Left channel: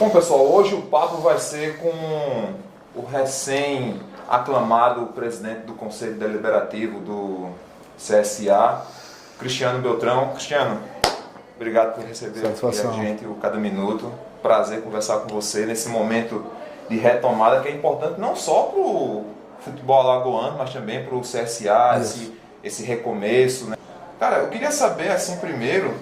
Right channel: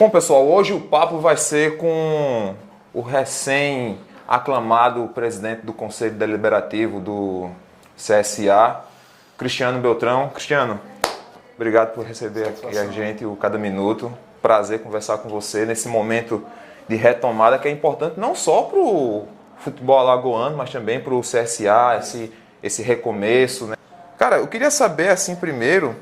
Bom, pessoal, hoje o papo vai ser com o recém-aclamado presidente do Conselho Deliberativo do CSA, Cristiano Beltrão. Cristiano, obrigado por receber aqui a gente o Cada Minuto. Prazer conversar com você nesse momento de retomada que é importante não só para o futebol alagoano, mas também para o CSA, esse recomeço, né? Cara, eu queria saber, assim, primeiro,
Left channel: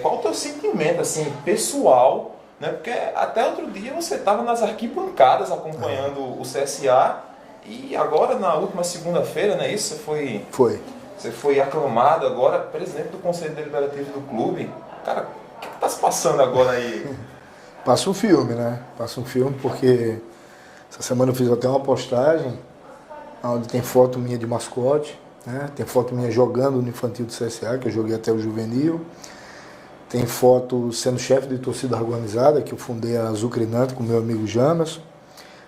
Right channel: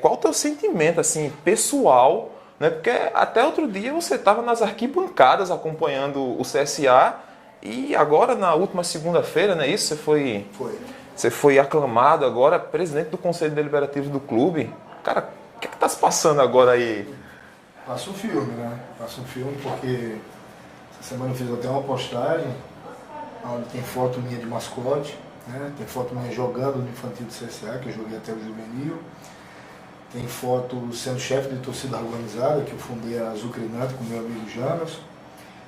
qual o teu sentimento, assim, pessoal, né? Porque até outro dia você estava nas arquibancadas acompanhando o CSA e agora, na última segunda-feira, não é isso? Você foi aclamado agora presidente do Conselho Deliberativo do clube. Cara, o que está se passando agora aí? Passa um filme, né? Passa um filme porque essa semana eu fiz até uma postagem onde tem foto minha de mascote, né? Tem foto minha jogando no infantil do CSA, que eu joguei até o juvenil. Tem foto sendo chefe de torcida organizada, que eu fundei a Azucrinante com meu amigo Jamerson.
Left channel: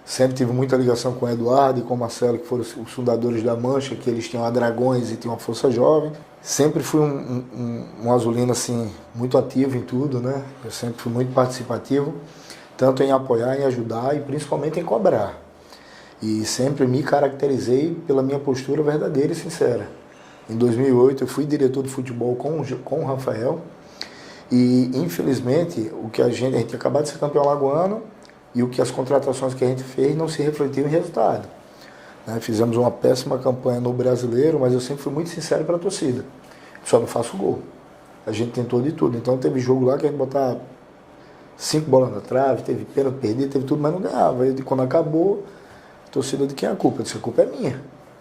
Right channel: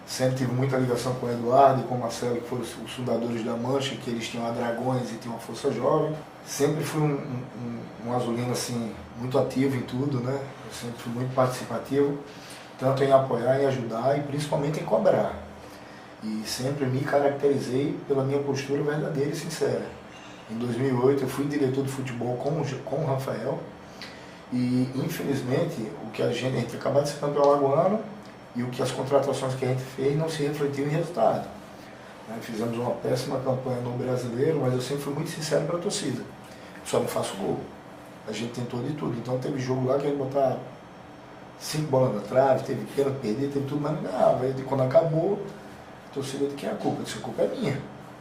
Sempre tive muita ligação com o Eduardo e com o Marcelo, que foram os fundadores da Mancha, que eles tinham a Dragões e tinham a Força Jovem. Sempre fui um azulino assim, muito ativo em tudo, né? Eu sempre fui muito participativo, tanto em apoiar, em ajudar e principalmente em cobrar. E sempre me caracterizei pela minha postura verdadeira e sincera. Em 2008 eu fui diretor de futebol com o Rafael e infelizmente a gente acabou de ser campeão alagoano e as contratações que a gente fez não se refletiram em resultado. Fizemos uma péssima campanha no Brasileiro, mas eu sempre fui muito sincero para a torcida. Só não faço gol. A gente tentou de tudo. Então teve jogo lá que a gente botava 5 bolas na trave, teve pênalti perdido, teve tudo, mas não ganhava. E quando acabou, a torcida de quem é a culpa? Eu disse, a culpa é minha.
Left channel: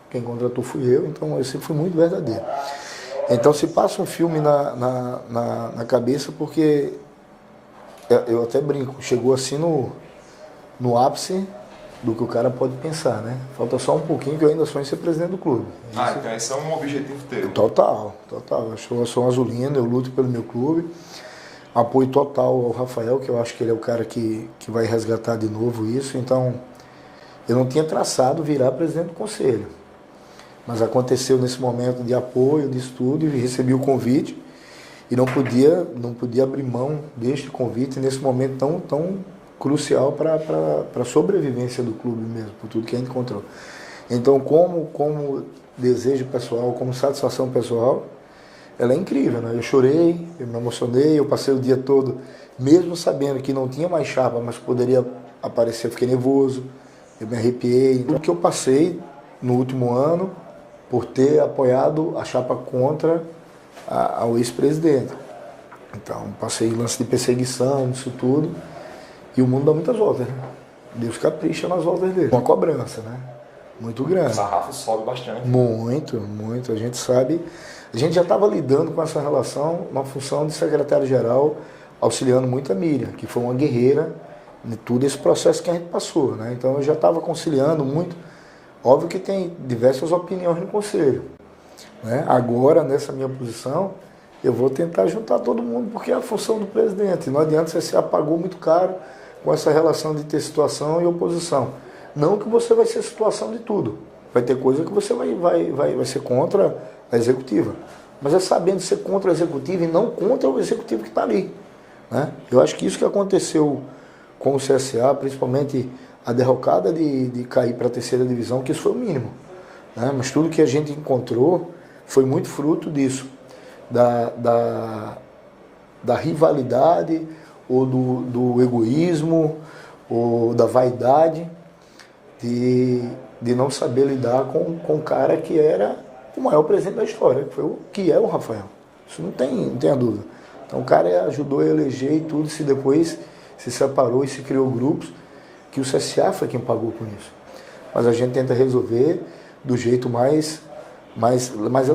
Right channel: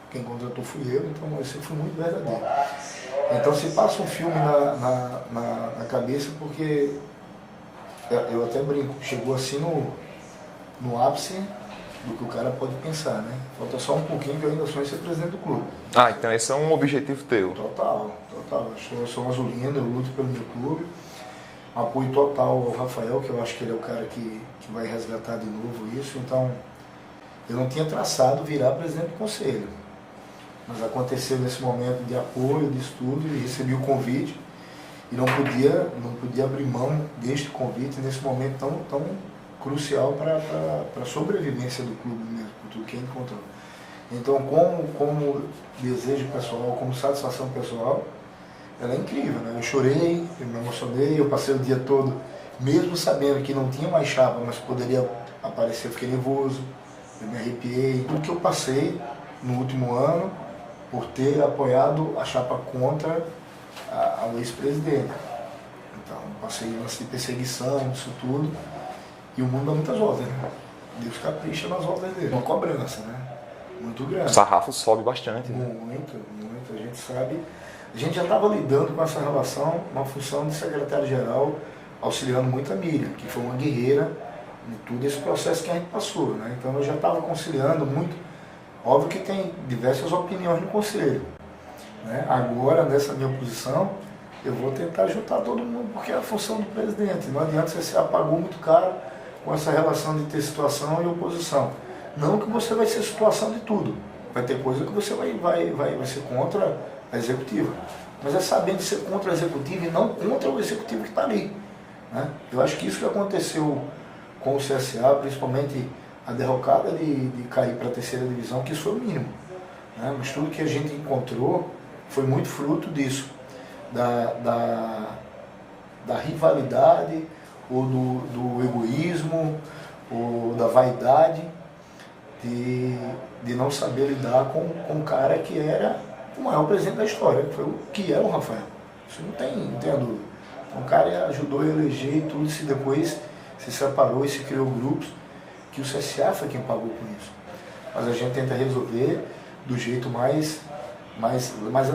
Quem contratou fui eu, então eu sempre fui muito verdadeiro. Então se passa um filme na cabeça, porque eu até brinco, chegou assim no ápice do que o cara pode pensar, né? Falta só um pouquinho que eu ainda sonho em ser presidente do clube. Então esse é um objetivo teu. Total. Eu sou um azulino, eu luto pelo meu clube. Apoio total ao Rafael, que eu acho que ele é o cara que vai resgatar de novo isso. Então, eu não tinha traçado virar presidente do conselho. Mas aconteceu nesse momento de apoio, de estudo, e recebi o convite. E não podia abrir mão deste convite nesse momento tão crucial para a sobrevivência do clube mesmo, por tudo que a gente encontrou. Então, como desejo pessoal, como satisfação pessoal, ela é incrível, né? Eu chorei, eu me emocionei, eu passei o dia todo, mesmo sabendo que não tinha mais chapa, mas poderia aparecer, eu fiquei nervoso, eu me arrepiei. O que eu passei no último ano por ter apoiado a chapa contra ao ex-presidente. Então, passei lance de perseguição, isso tudo. E o mundo dá muitas voltas, né? Deus capricha nas voltas dele. Uma cobrança, né? Muito grande. O sarrafo sobe bastante. Muito. A gente sabe. A gente já estava lidando com essa relação na função de secretário-geral, auxiliando muito a Miriam, que foi uma guerreira de todo esse processo que a gente passou, né? Então eu já estava conciliando muito. Óbvio que tem diversas opiniões no conselho, né? Agora, nessa minha posição, eu vou tentar juntar todo mundo, porque é a função do presidente. Não adianta você se apagou muito caro com essa relação de ter situação e oposição. Não que você vai ser situação de tudo. Vai ter coisa que você vai ser contra a executiva. Mas é sabendo ser contra a executiva e não contra o executivo que está ali, né? Eu acho que isso que aconteceu com o CSA, principalmente a derrocada de cair para a terceira divisão, que isso foi o mínimo, né? Mas tudo que a gente encontrou foi muito fruto disso. Da rivalidade, ou do egoísmo, ou da vaidade, de não saber lidar com um cara que era o maior presidente da história, que é o Rafael. Isso não tem a dúvida. Então o cara ajudou a eleger e tudo, se depois se separou e se criou grupos, que o CSA foi quem pagou com isso. Mas a gente tenta resolver do jeito mais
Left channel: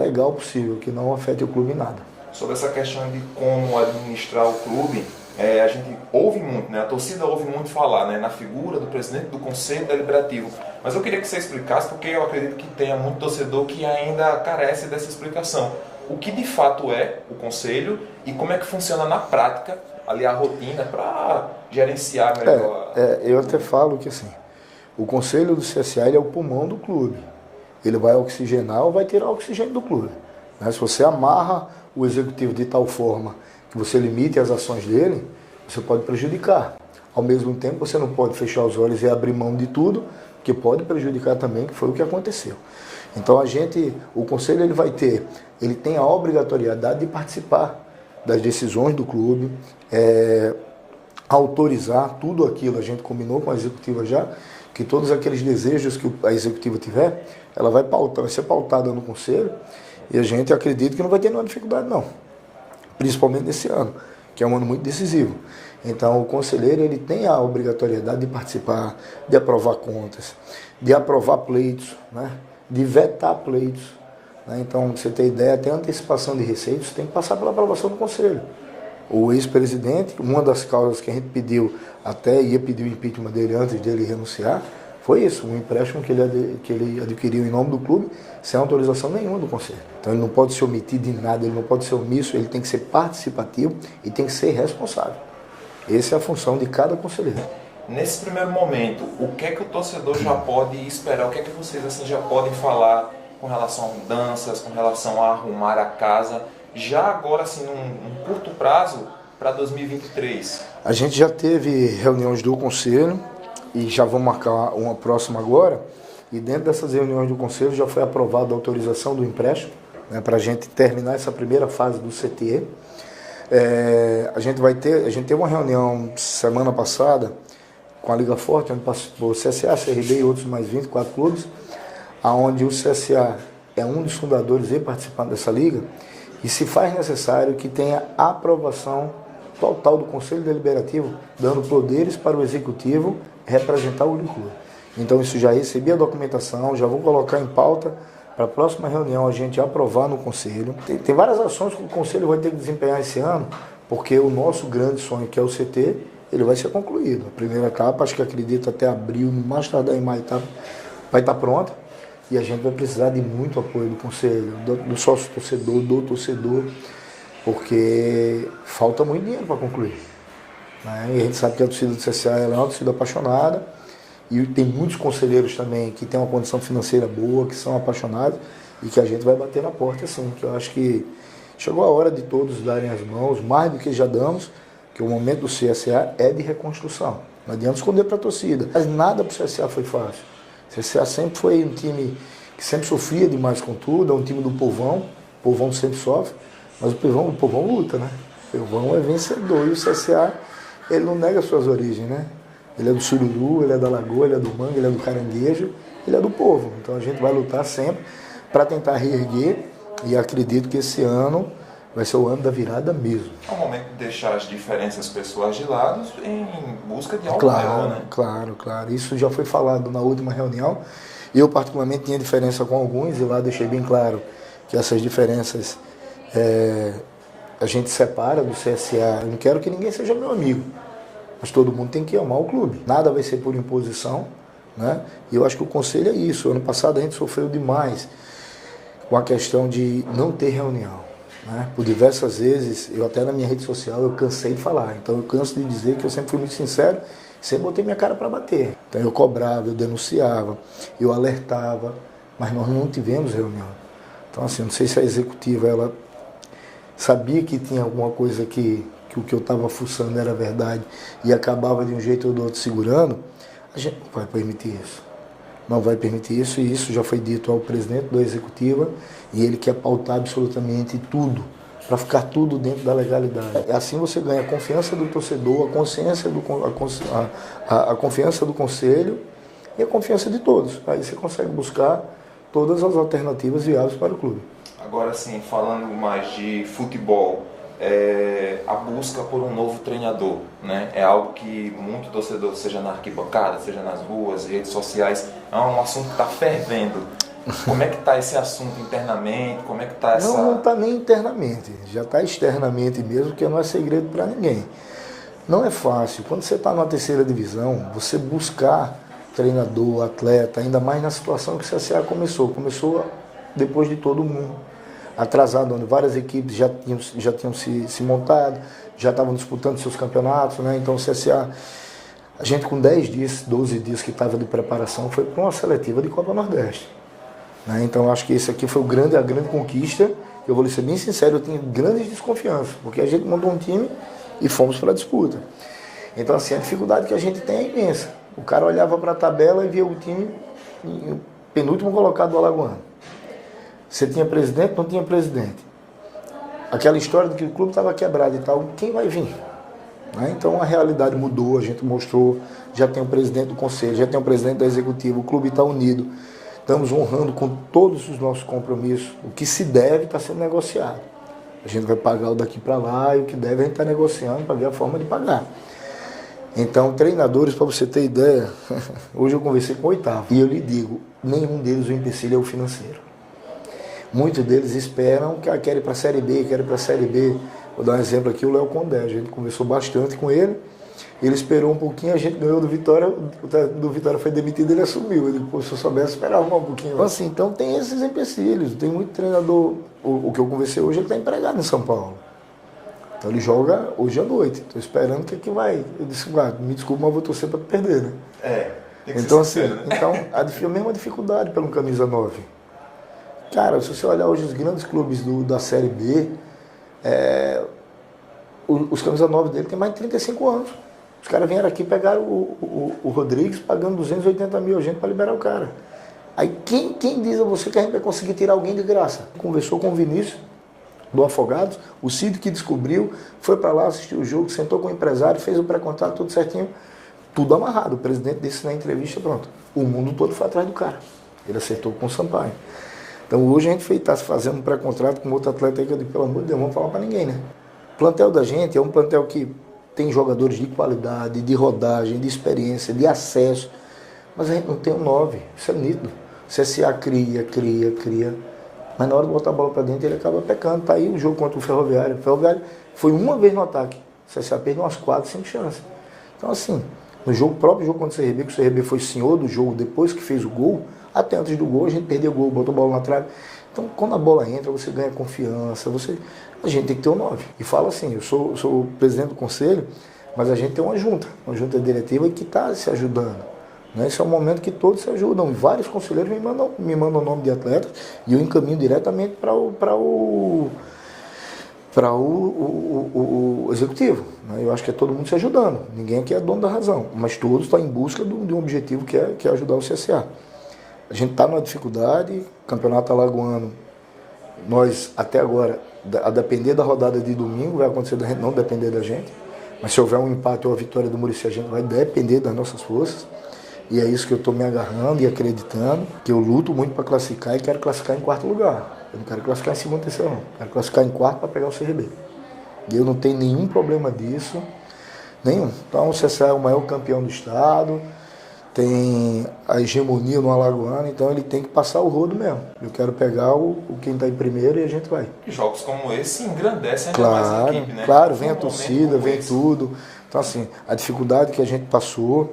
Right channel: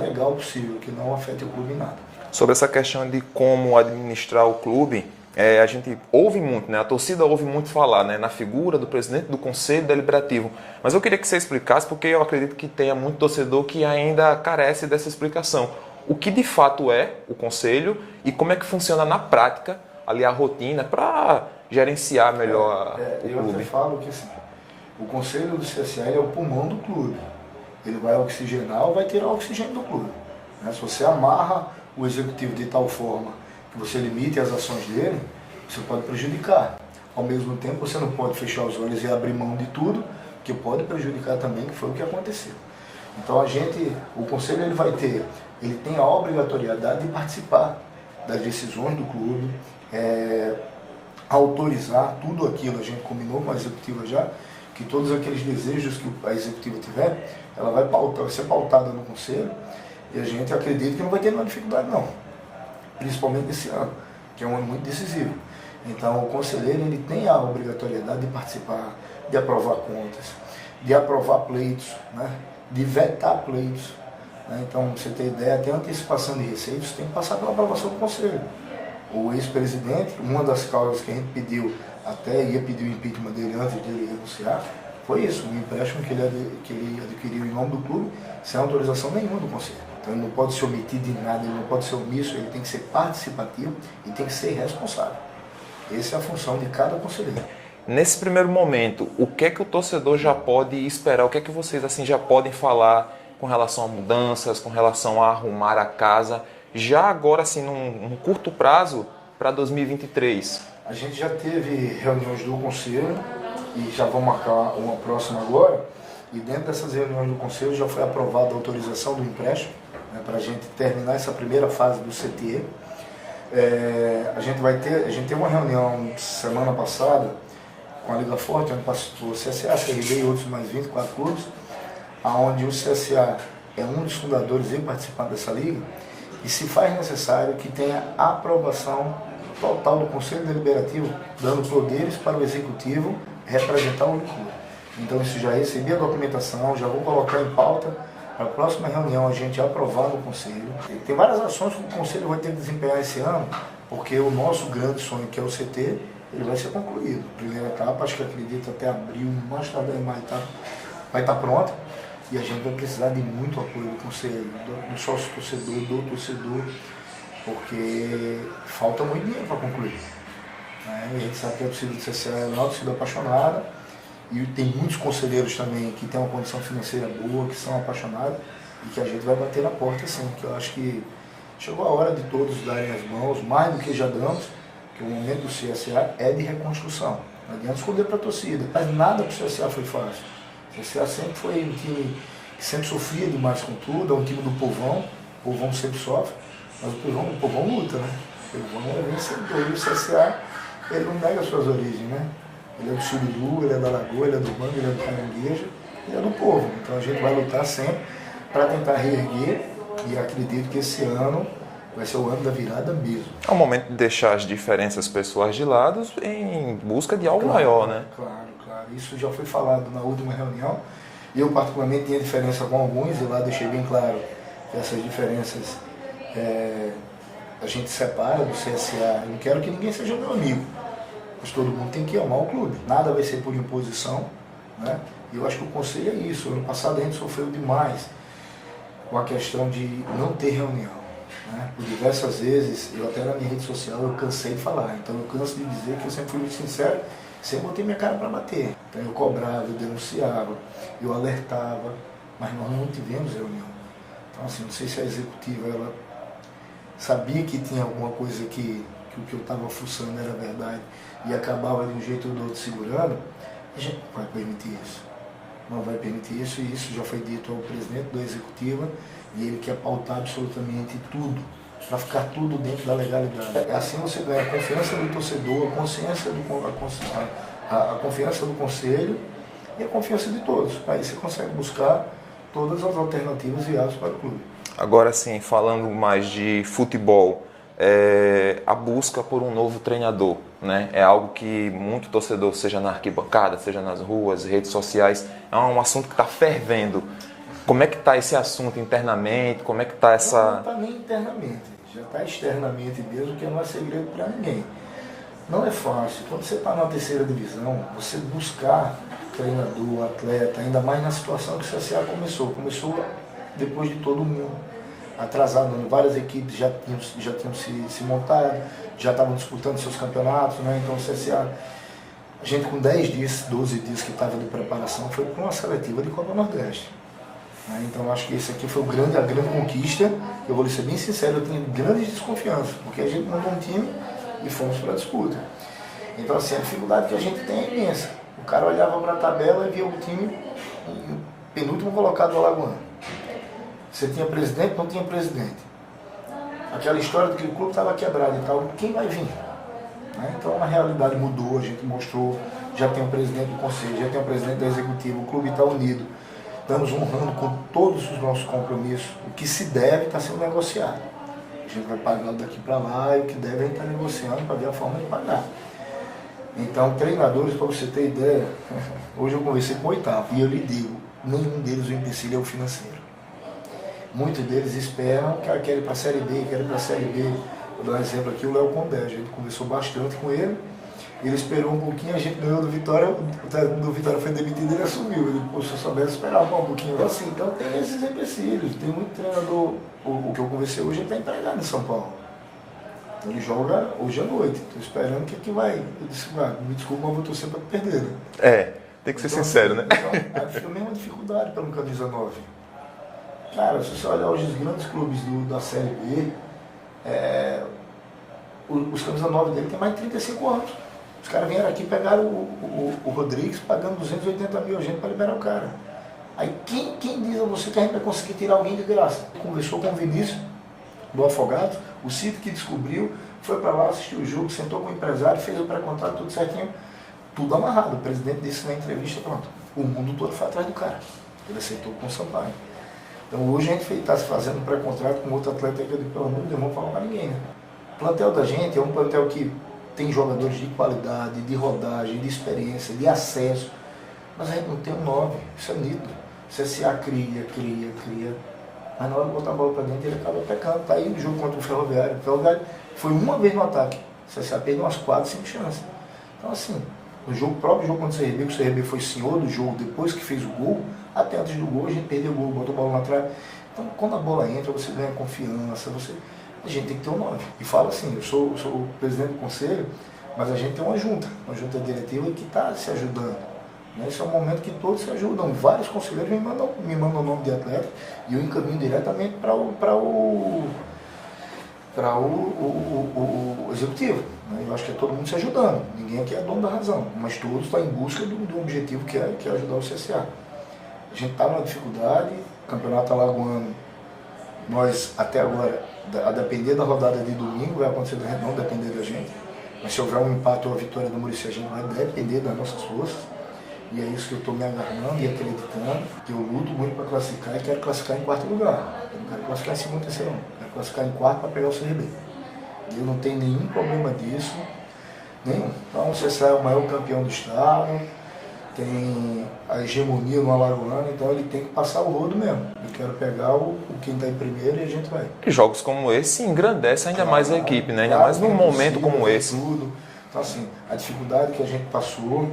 legal possível, que não afete o clube em nada. Sobre essa questão de como administrar o clube, a gente ouve muito, né? A torcida ouve muito falar, né? Na figura do presidente do Conselho Deliberativo. Mas eu queria que você explicasse, porque eu acredito que tenha muito torcedor que ainda carece dessa explicação. O que de fato é o Conselho e como é que funciona na prática, ali a rotina, para gerenciar melhor eu até falo que assim, o Conselho do CSA ele é o pulmão do clube. Ele vai oxigenar ou vai tirar o oxigênio do clube, né? Se você amarra o executivo de tal forma que você limite as ações dele, você pode prejudicar. Ao mesmo tempo, você não pode fechar os olhos e abrir mão de tudo, que pode prejudicar também, que foi o que aconteceu. Então o conselho ele tem a obrigatoriedade de participar das decisões do clube, autorizar tudo aquilo, a gente combinou com a executiva já, que todos aqueles desejos que a executiva tiver, ela vai ser pautada no conselho, e a gente acredita que não vai ter nenhuma dificuldade não, principalmente nesse ano, que é um ano muito decisivo. Então o conselheiro ele tem a obrigatoriedade de participar, de aprovar contas, de aprovar pleitos, né? De vetar pleitos. Né? Então, pra você ter ideia, até a antecipação de receitos tem que passar pela aprovação do conselho. O ex-presidente, uma das causas que a gente pediu, até ia pedir o impeachment dele antes dele renunciar, foi isso, um empréstimo que ele adquiriu em nome do clube, sem autorização nenhuma do conselho. Então ele não pode se omitir de nada, ele não pode ser omisso, ele tem que ser participativo e tem que ser responsável. Essa é a função de cada conselheiro. Nesse primeiro momento, o que é que o torcedor já pode esperar? O que é que vocês assim já podem falar com relação a mudanças, com relação a arrumar a casa, já agora assim num curto prazo para 2023? A gente já teve reuniões do conselho e já vamos marcar uma próxima agora. E dentro dessas reuniões do conselho já foi aprovada a autorização do empréstimo, né, para a gente terminar essa primeira fase do CTE. A gente teve uma reunião semana passada com a Liga Forte, onde participou o CSA, CRB e outros mais 24 clubes, onde o CSA é um dos fundadores e participante dessa liga, e se faz necessário que tenha aprovação total do Conselho Deliberativo, dando poderes para o Executivo representar o clube. Então isso já recebi a documentação, já vou colocar em pauta para a próxima reunião a gente aprovar no Conselho. Tem várias ações que o Conselho vai ter que desempenhar esse ano, porque o nosso grande sonho, que é o CT, ele vai ser concluído. A primeira etapa, acho que acredito até abril, no mais tardar em maio, vai estar pronta. E a gente vai precisar de muito apoio do Conselho, do sócio torcedor, do torcedor, porque falta muito dinheiro para concluir. Né? E a gente sabe que a torcida do CSA é uma torcida apaixonada, e tem muitos conselheiros também que têm uma condição financeira boa, que são apaixonados, e que a gente vai bater na porta assim, que eu acho que chegou a hora de todos darem as mãos, mais do que já damos, que o momento do CSA é de reconstrução. Não adianta esconder para a torcida. Mas nada para o CSA foi fácil. O CSA sempre foi um time que sempre sofria demais com tudo, é um time do povão, o povão sempre sofre, mas o povão luta, né? O povão é vencedor, e o CSA, ele não nega suas origens, né? Ele é do Sururu, ele é da Lagoa, ele é do Mangue, ele é do Caranguejo, ele é do povo. Então a gente vai lutar sempre para tentar reerguer, e acredito que esse ano vai ser o ano da virada mesmo. É o momento de deixar as diferenças pessoais de lado em busca de algo maior, né? Claro. Isso já foi falado na última reunião. Eu, particularmente, tinha diferença com alguns, e lá deixei bem claro que essas diferenças a gente separa do CSA. Eu não quero que ninguém seja meu amigo, mas todo mundo tem que amar o clube. Nada vai ser por imposição, né? E eu acho que o conselho é isso. Ano passado a gente sofreu demais com a questão de não ter reunião. Né? Por diversas vezes, eu até na minha rede social, eu cansei de falar. Então eu canso de dizer que eu sempre fui muito sincero, sempre botei minha cara para bater. Então eu cobrava, eu denunciava, eu alertava, mas nós não tivemos reunião. Então assim, não sei se a executiva ela sabia que tinha alguma coisa que o que eu estava fuçando era verdade e acabava de um jeito ou do outro segurando. A gente não vai permitir isso. Não vai permitir isso, e isso já foi dito ao presidente da executiva, e ele quer pautar absolutamente tudo, para ficar tudo dentro da legalidade. Assim você ganha a confiança do torcedor, a confiança do conselho e a confiança de todos. Aí você consegue buscar todas as alternativas viáveis para o clube. Agora sim, falando mais de futebol, a busca por um novo treinador, né? É algo que muito torcedor, seja na arquibancada, seja nas ruas, redes sociais, é um assunto que está fervendo. Como é que está esse assunto internamente? Como é que está essa... Não está nem internamente, já está externamente mesmo, que não é segredo para ninguém. Não é fácil. Quando você está na terceira divisão, você buscar treinador, atleta, ainda mais na situação que o CSA começou. Começou depois de todo mundo. Atrasado, onde várias equipes já tinham se montado, já estavam disputando seus campeonatos, né? Então o CSA, a gente com 10 dias, 12 dias que estava de preparação, foi para uma seletiva de Copa Nordeste. Né? Então eu acho que isso aqui foi a grande conquista. Eu vou lhe ser bem sincero, eu tinha grandes desconfianças, porque a gente montou um time e fomos para a disputa. Então, assim, a dificuldade que a gente tem é imensa. O cara olhava para a tabela e via o time penúltimo colocado do Alagoano. Você tinha presidente, não tinha presidente. Aquela história de que o clube estava quebrado e tal, quem vai vir? Né? Então a realidade mudou, a gente mostrou, já tem o presidente do conselho, já tem o presidente da executiva, o clube está unido, estamos honrando com todos os nossos compromissos, o que se deve está sendo negociado. A gente vai pagar o daqui para lá e o que deve a gente está negociando para ver a forma de pagar. Então, treinadores, para você ter ideia, hoje eu conversei com o 8º e eu lhe digo, nenhum deles o empecilho é o financeiro. Muitos deles esperam que querem para a Série B, querem para a Série B. Vou dar um exemplo aqui, o Léo Condé, a gente conversou bastante com ele, ele esperou um pouquinho, a gente ganhou do Vitória, o Vitória foi demitido, ele assumiu, ele, pô, se eu soubesse, esperava um pouquinho. Então, assim, então tem esses empecilhos, tem muito treinador, o que eu conversei hoje, ele está empregado em São Paulo. Então ele joga hoje à noite, estou esperando o que vai. Eu disse, me desculpa, mas vou torcer para perder, né? Tem que ser sincero, né? Então, a mesma dificuldade pelo camisa 9. Cara, se você olhar hoje os grandes clubes da Série B, os camisa 9 dele tem mais de 35 anos. Os caras vieram aqui e pegaram o Rodrigues pagando 280 mil gente para liberar o cara. Aí quem diz a você que a gente vai conseguir tirar alguém de graça? Conversou com o Vinícius, do Afogados, o Cid que descobriu, foi para lá, assistiu o jogo, sentou com o empresário, fez o pré-contrato, tudo certinho, tudo amarrado. O presidente disse na entrevista, pronto, o mundo todo foi atrás do cara. Ele acertou com o Sampaio. Então hoje a gente está se fazendo um pré-contrato com outro atleta aí que eu digo, pelo amor de Deus, não vamos falar para ninguém, né? O plantel da gente é um plantel que tem jogadores de qualidade, de rodagem, de experiência, de acesso, mas a gente não tem um 9, isso é nítido. O CSA cria, mas na hora de botar a bola para dentro ele acaba pecando. Tá aí no jogo contra o Ferroviário. O Ferroviário foi uma vez no ataque, o CSA perdeu umas 4, 5 chances. Então assim, no próprio jogo contra o CRB, que o CRB foi senhor do jogo depois que fez o gol, até antes do gol a gente perdeu o gol, botou a bola na trave. Então quando a bola entra, você ganha confiança, a gente tem que ter um 9. E fala assim, eu sou o presidente do conselho, mas a gente tem uma junta diretiva que está se ajudando. Né? Esse é um momento que todos se ajudam. Vários conselheiros me mandam o nome de atleta e eu encaminho diretamente para o executivo. Né? Eu acho que é todo mundo se ajudando. Ninguém aqui é dono da razão, mas todos estão em busca de um objetivo que é ajudar o CSA. A gente está numa dificuldade, campeonato alagoano, nós até agora, a depender da rodada de domingo, vai acontecer da gente não depender da gente, mas se houver um empate ou a vitória do Muricy, a gente vai depender das nossas forças, e é isso que eu estou me agarrando e acreditando, que eu luto muito para classificar e quero classificar em 4º lugar. Eu não quero classificar em 2º, 3º, não. Quero classificar em 4º para pegar o CRB. E eu não tenho nenhum problema disso, nenhum. Então o CSA é o maior campeão do estado, tem a hegemonia no Alagoano, então ele tem que passar o rodo mesmo. Eu quero pegar quem está em primeiro e a gente vai. E jogos como esse engrandecem ainda mais a equipe, né? Claro, Ainda mais num momento como esse. Tudo. Então assim, a dificuldade que a gente passou,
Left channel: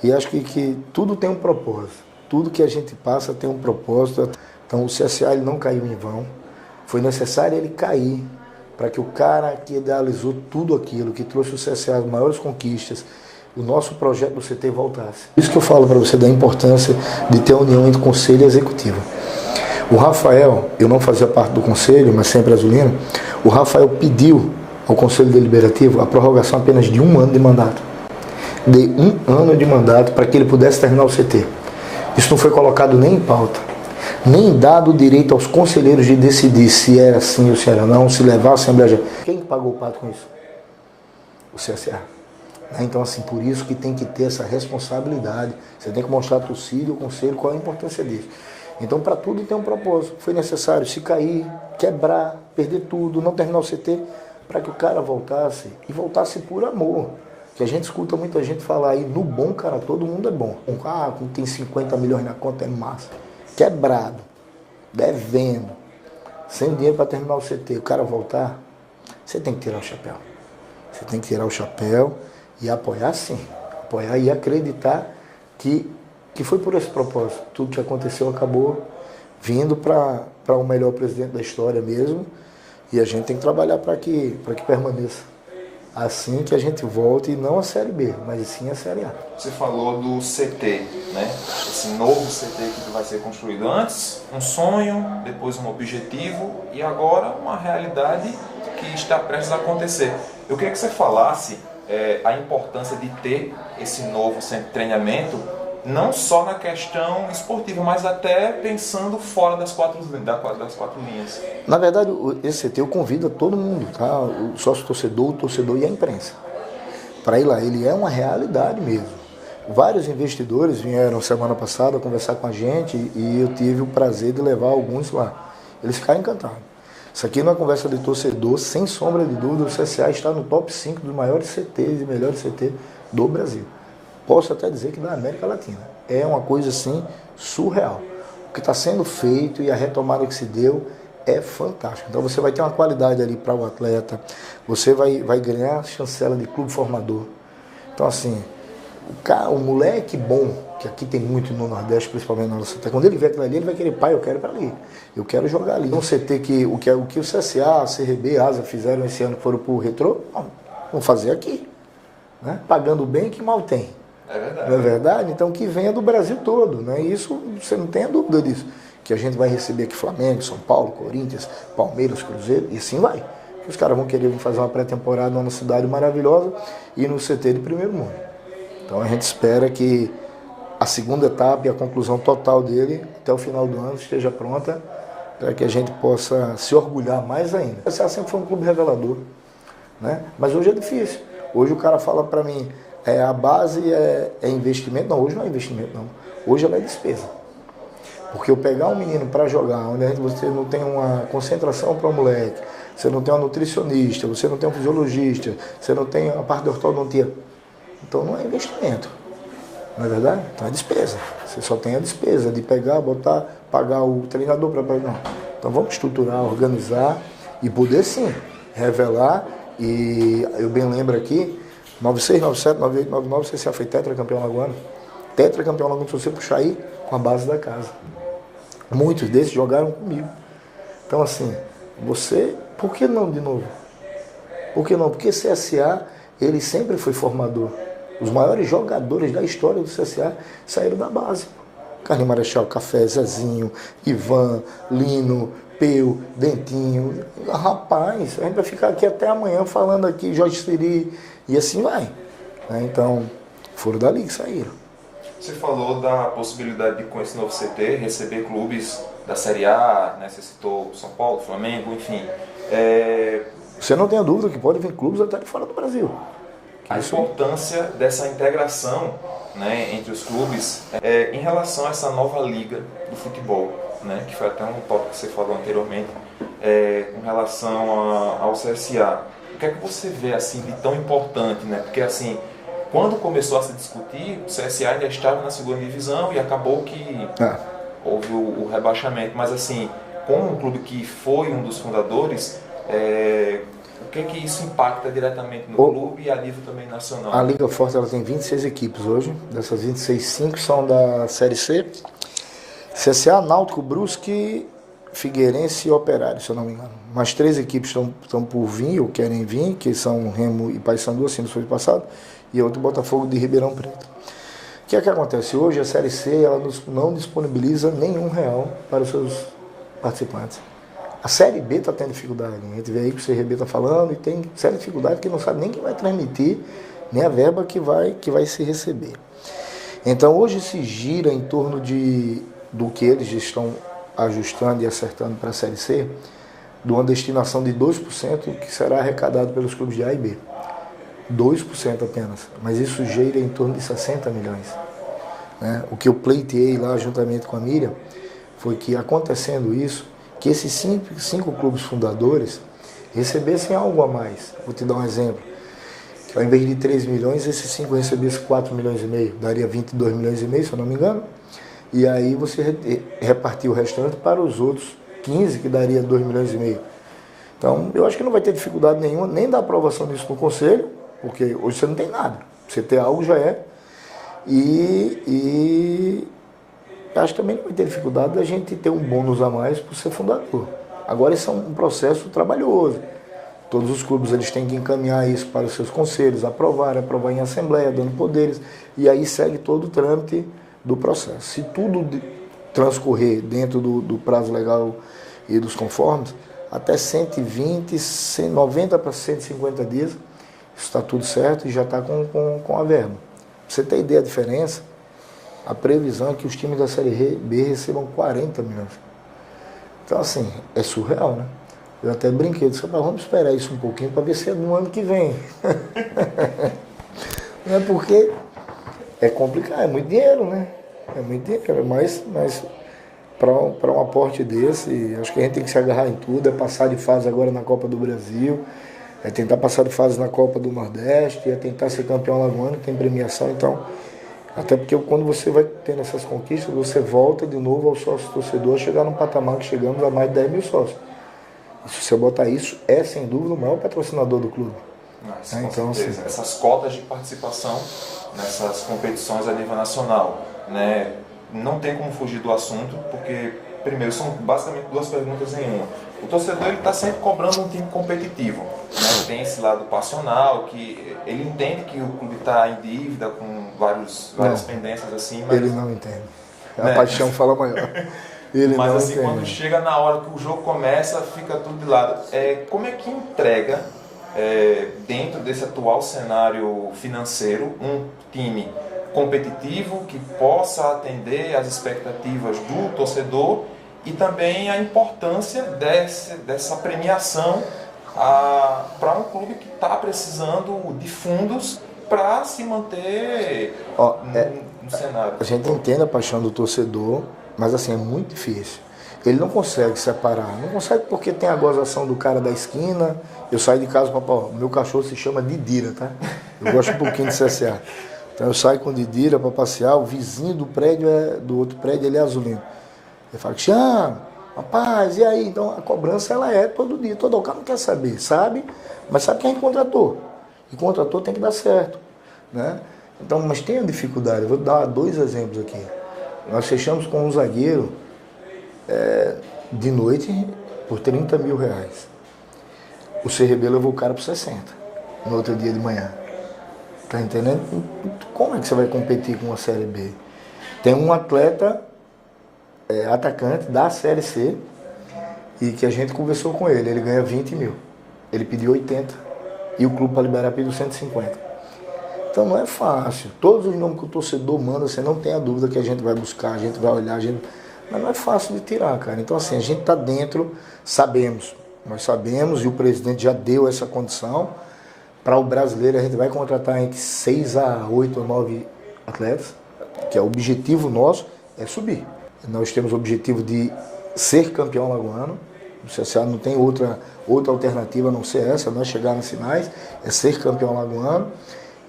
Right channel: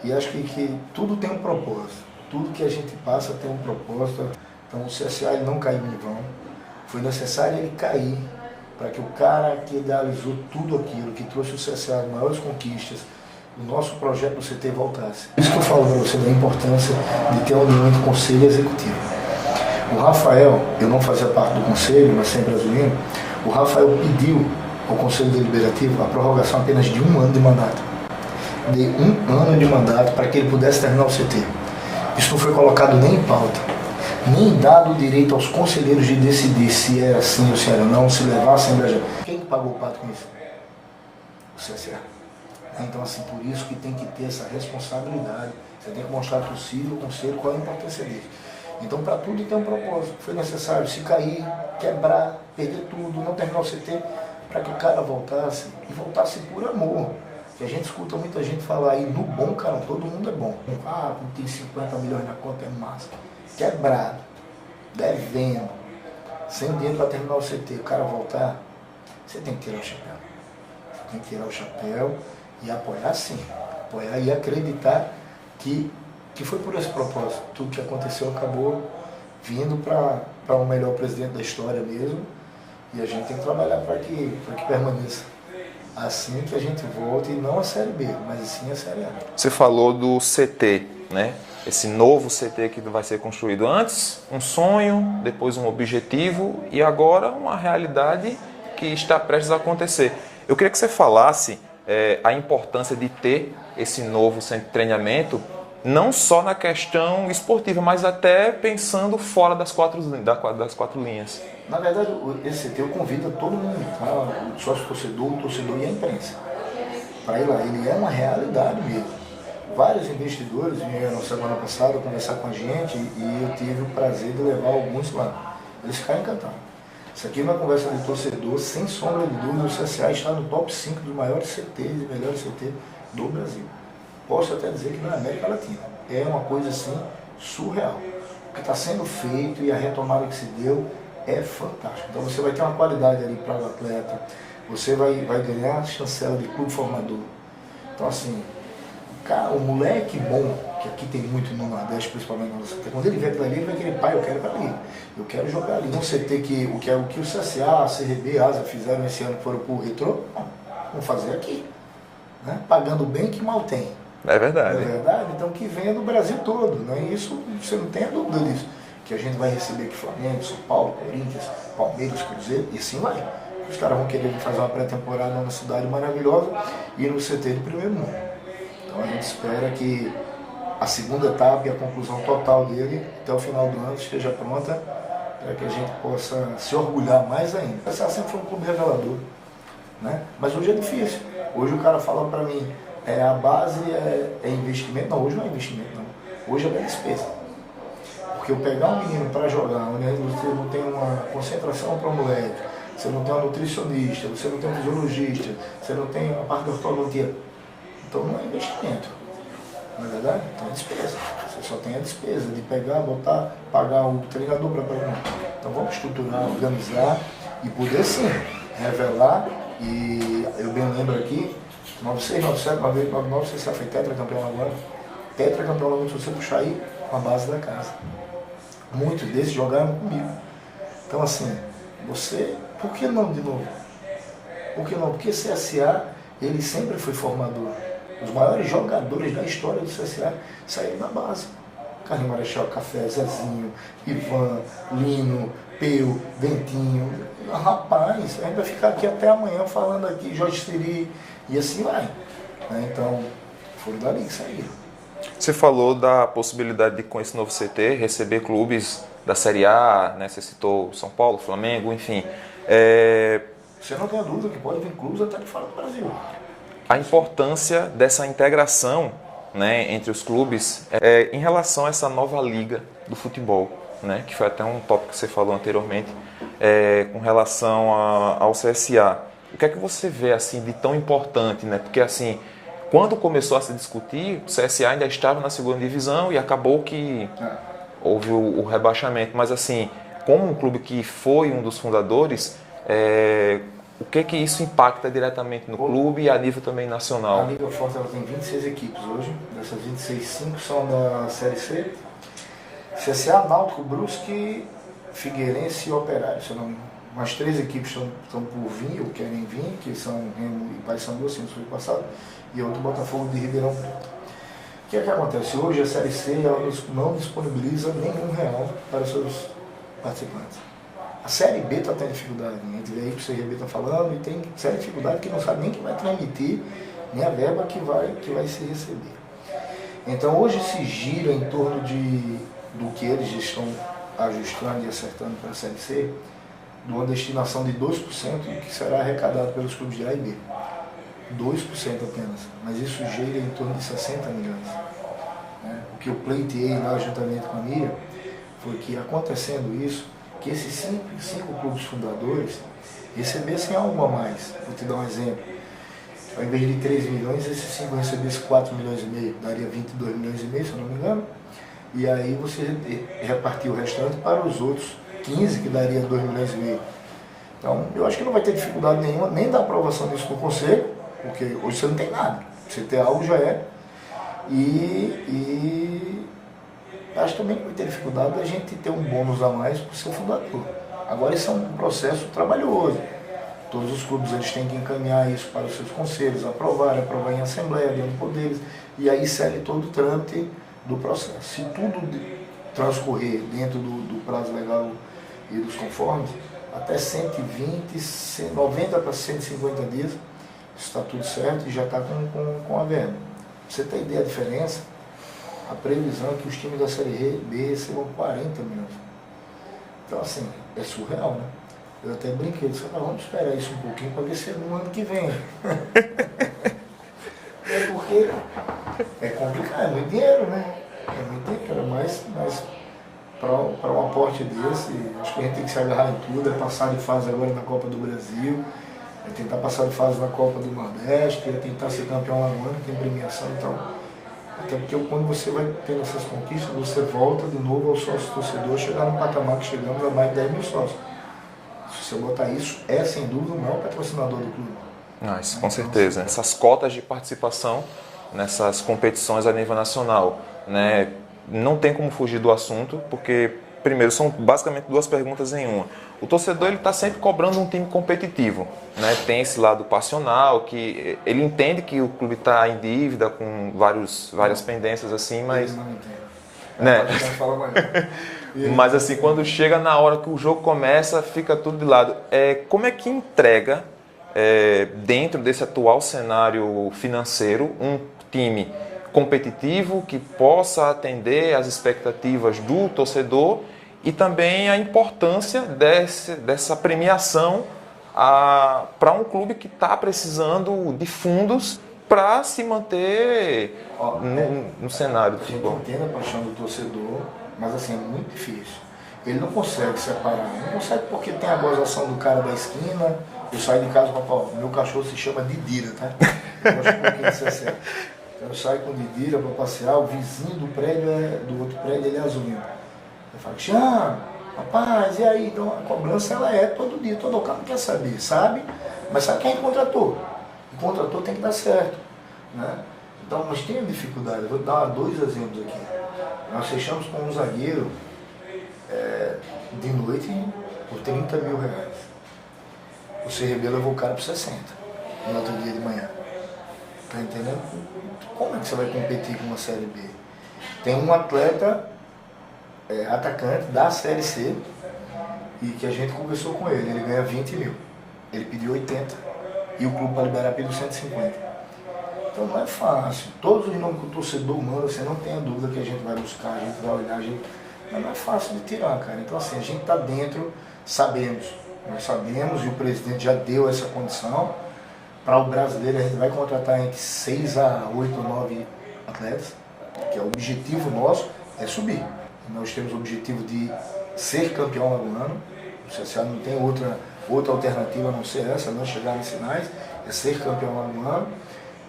e acho que tudo tem um propósito. Tudo que a gente passa tem um propósito. Então o CSA ele não caiu em vão. Foi necessário ele cair para que o cara que idealizou tudo aquilo, que trouxe o CSA as maiores conquistas, o nosso projeto do CT voltasse. Isso que eu falo para você da importância de ter a união entre conselho e executivo. O Rafael, eu não fazia parte do conselho, mas sempre azulino, o Rafael pediu ao Conselho Deliberativo a prorrogação apenas de 1 ano de mandato. De 1 ano de mandato para que ele pudesse terminar o CT. Isso não foi colocado nem em pauta, nem dado o direito aos conselheiros de decidir se era assim ou se era não, se levar a Assembleia. Quem pagou o pato com isso? O CSA. Então, assim, por isso que tem que ter essa responsabilidade. Você tem que mostrar para o torcida, o conselho, qual é a importância dele. Então, para tudo tem um propósito. Foi necessário se cair, quebrar, perder tudo, não terminar o CT, para que o cara voltasse, e voltasse por amor. Que a gente escuta muita gente falar aí, no bom, cara, todo mundo é bom. Quando tem 50 milhões na conta é massa. Quebrado, devendo, sem dinheiro para terminar o CT, o cara voltar, você tem que tirar o chapéu. Você tem que tirar o chapéu e apoiar sim. Apoiar e acreditar que foi por esse propósito. Tudo que aconteceu acabou vindo para o melhor presidente da história mesmo. E a gente tem que trabalhar para que permaneça. Assim que a gente volte, não a Série B, mas sim a Série A. Você falou do CT, né? Esse novo CT que vai ser construído. Antes, um sonho, depois um objetivo e agora uma realidade que está prestes a acontecer. Eu queria que você falasse a importância de ter esse novo centro de treinamento, não só na questão esportiva, mas até pensando fora das quatro linhas. Na verdade, esse CT eu convido todo mundo, tá? O sócio-torcedor, o torcedor e a imprensa, para ir lá. Ele é uma realidade mesmo. Vários investidores vieram semana passada conversar com a gente e eu tive o prazer de levar alguns lá. Eles ficaram encantados. Isso aqui é uma conversa de torcedor, sem sombra de dúvida, o CSA está no top 5 dos maiores CTs e melhores CTs do Brasil. Posso até dizer que da América Latina. É uma coisa assim surreal. O que está sendo feito e a retomada que se deu é fantástico. Então você vai ter uma qualidade ali para o atleta, você vai ganhar a chancela de clube formador. Então assim, o moleque bom, que aqui tem muito no Nordeste, principalmente na nossa CT, quando ele vier aquilo ali, ele vai querer, pai, eu quero ali, eu quero jogar ali. Não CT que o que o CSA, a CRB, a ASA fizeram esse ano que foram pro Retrô, não, vamos fazer aqui. Né? Pagando bem que mal tem. É verdade. Não é verdade? Então que venha do Brasil todo. Né? Isso você não tem dúvida disso. Que a gente vai receber aqui Flamengo, São Paulo, Corinthians, Palmeiras, Cruzeiro, e sim vai. Os caras vão querer fazer uma pré-temporada numa cidade maravilhosa e no CT de primeiro mundo. Então a gente espera que a segunda etapa e a conclusão total dele até o final do ano esteja pronta para que a gente possa se orgulhar mais ainda. O CSA sempre foi um clube revelador, né? Mas hoje é difícil. Hoje o cara fala para mim, a base é investimento. Não, hoje não é investimento, não. Hoje é despesa. Porque eu pegar um menino para jogar, onde você não tem uma concentração para o moleque, você não tem um nutricionista, você não tem um fisiologista, você não tem a parte da ortodontia. Então não é investimento. Não é verdade? Então é despesa. Você só tem a despesa de pegar, botar, pagar o treinador para pegar. Então vamos estruturar, organizar e poder sim revelar. E eu bem lembro aqui, 96, 97, 99, você foi tetracampeão agora. Tetracampeão agora, se você puxar aí, com a base da casa. Muitos desses jogaram comigo. Então assim, por que não de novo? Por que não? Porque CSA, ele sempre foi formador. Os maiores jogadores da história do CSA saíram da base. Carlinhos Marechal, Café, Zezinho, Ivan, Lino, Peu, Dentinho. Rapaz, a gente vai ficar aqui até amanhã falando aqui, Jorge Siri, e assim vai. Então, foram dali que saíram. Você falou da possibilidade de, com esse novo CT, receber clubes da Série A, né? Você citou São Paulo, Flamengo, enfim. Você não tem a dúvida que pode vir clubes até de fora do Brasil. A importância dessa integração, né, entre os clubes em relação a essa nova liga do futebol, né, que foi até um tópico que você falou anteriormente, com relação ao CSA. O que é que você vê assim, de tão importante? Né? Porque assim, quando começou a se discutir, o CSA ainda estava na segunda divisão e acabou que houve o rebaixamento. Mas assim, como um clube que foi um dos fundadores, o que isso impacta diretamente no clube e a nível também nacional? A Liga Forte ela tem 26 equipes hoje. Dessas 26, 5 são da Série C. CSA, Náutico, Brusque, Figueirense e Operário, se eu não me engano. Mais 3 equipes estão por vir ou querem vir, que são Remo e Paysandu, assim no ano passado, e outro Botafogo de Ribeirão Preto. O que é que acontece? Hoje a Série C ela não disponibiliza nenhum real para os seus participantes. A Série B está tendo dificuldade. A gente vê aí que o CRB está falando e tem séria dificuldade que não sabe nem quem vai transmitir, nem a verba que vai se receber. Então hoje se gira em torno do que eles estão ajustando e acertando para a Série C, de uma destinação de 2% que será arrecadado pelos clubes de A e B. 2% apenas. Mas isso gira em torno de 60 milhões. Né? O que eu pleiteei lá juntamente com a Miriam foi que, acontecendo isso, que esses cinco clubes fundadores recebessem algo a mais. Vou te dar um exemplo. Ao invés de 3 milhões, esses 5 recebessem 4 milhões e meio, daria 22 milhões e meio, se eu não me engano. E aí você repartiu o restante para os outros 15, que daria 2 milhões e meio. Então, eu acho que não vai ter dificuldade nenhuma, nem da aprovação disso no Conselho, porque hoje você não tem nada. Você ter algo já é. E acho que também não vai ter dificuldade da gente ter um bônus a mais por ser fundador. Agora, isso é um processo trabalhoso. Todos os clubes eles têm que encaminhar isso para os seus conselhos, aprovar em assembleia, dando poderes, e aí segue todo o trâmite do processo. Se tudo transcorrer dentro do prazo legal e dos conformes, até 120, 90 para 150 dias, isso está tudo certo e já está com a verba. Pra você ter ideia da diferença, a previsão é que os times da Série B recebam 40 milhões. Então, assim, é surreal, né? Eu até brinquei, disse, vamos esperar isso um pouquinho para ver se é no ano que vem. É porque é complicado, é muito dinheiro, né? É muito dinheiro, mas para um aporte desse, acho que a gente tem que se agarrar em tudo, é passar de fase agora na Copa do Brasil, é tentar passar de fase na Copa do Nordeste, é tentar ser campeão alagoano, tem premiação, então, até porque quando você vai tendo essas conquistas, você volta de novo ao sócio torcedor, chegar num patamar que chegamos a mais de 10 mil sócios. E se você botar isso, é sem dúvida o maior patrocinador do clube. Isso, com certeza. Essas cotas de participação nessas competições a nível nacional, né? Não tem como fugir do assunto, porque, primeiro, são basicamente duas perguntas em uma. O torcedor está sempre cobrando um time competitivo, né? Tem esse lado passional, que ele entende que o clube está em dívida com várias pendências assim, mas... Ele não entende. Né? A paixão fala maior. Mas assim, quando chega na hora que o jogo começa, fica tudo de lado. Como é que entrega, dentro desse atual cenário financeiro, um time competitivo que possa atender às expectativas do torcedor e também a importância dessa premiação para um clube que está precisando de fundos para se manter no cenário? A gente entende a paixão do torcedor, mas assim, é muito difícil. Ele não consegue separar. Não consegue porque tem a gozação do cara da esquina. Eu saio de casa e falo, meu cachorro se chama Didira, tá? Eu gosto um pouquinho de CSA. Então eu saio com o Didira para passear, o vizinho do prédio, do outro prédio, ele é azulino. Eu falo, Tião, rapaz, e aí? Então a cobrança ela é todo dia, todo o cara não quer saber, sabe? Mas sabe quem contratou? E contratou tem que dar certo, né? Então, mas tem a dificuldade, eu vou dar 2 exemplos aqui. Nós fechamos com um zagueiro de noite por 30 mil reais. O CRB levou o cara por 60 no outro dia de manhã. Tá entendendo? Como é que você vai competir com uma Série B? Tem um atleta atacante da Série C e que a gente conversou com ele. Ele ganha 20 mil. Ele pediu 80 e o clube para liberar pediu 150. Então não é fácil. Todos os nomes que o torcedor manda, você não tem a dúvida que a gente vai buscar, a gente vai olhar, mas não é fácil de tirar, cara. Então assim, a gente está dentro, sabemos. Nós sabemos e o presidente já deu essa condição. Para o brasileiro, a gente vai contratar entre 6 a 8 ou 9 atletas, que é o objetivo nosso, é subir. Nós temos o objetivo de ser campeão alagoano. O CSA não tem outra alternativa a não ser essa, nós chegar nas finais, é ser campeão alagoano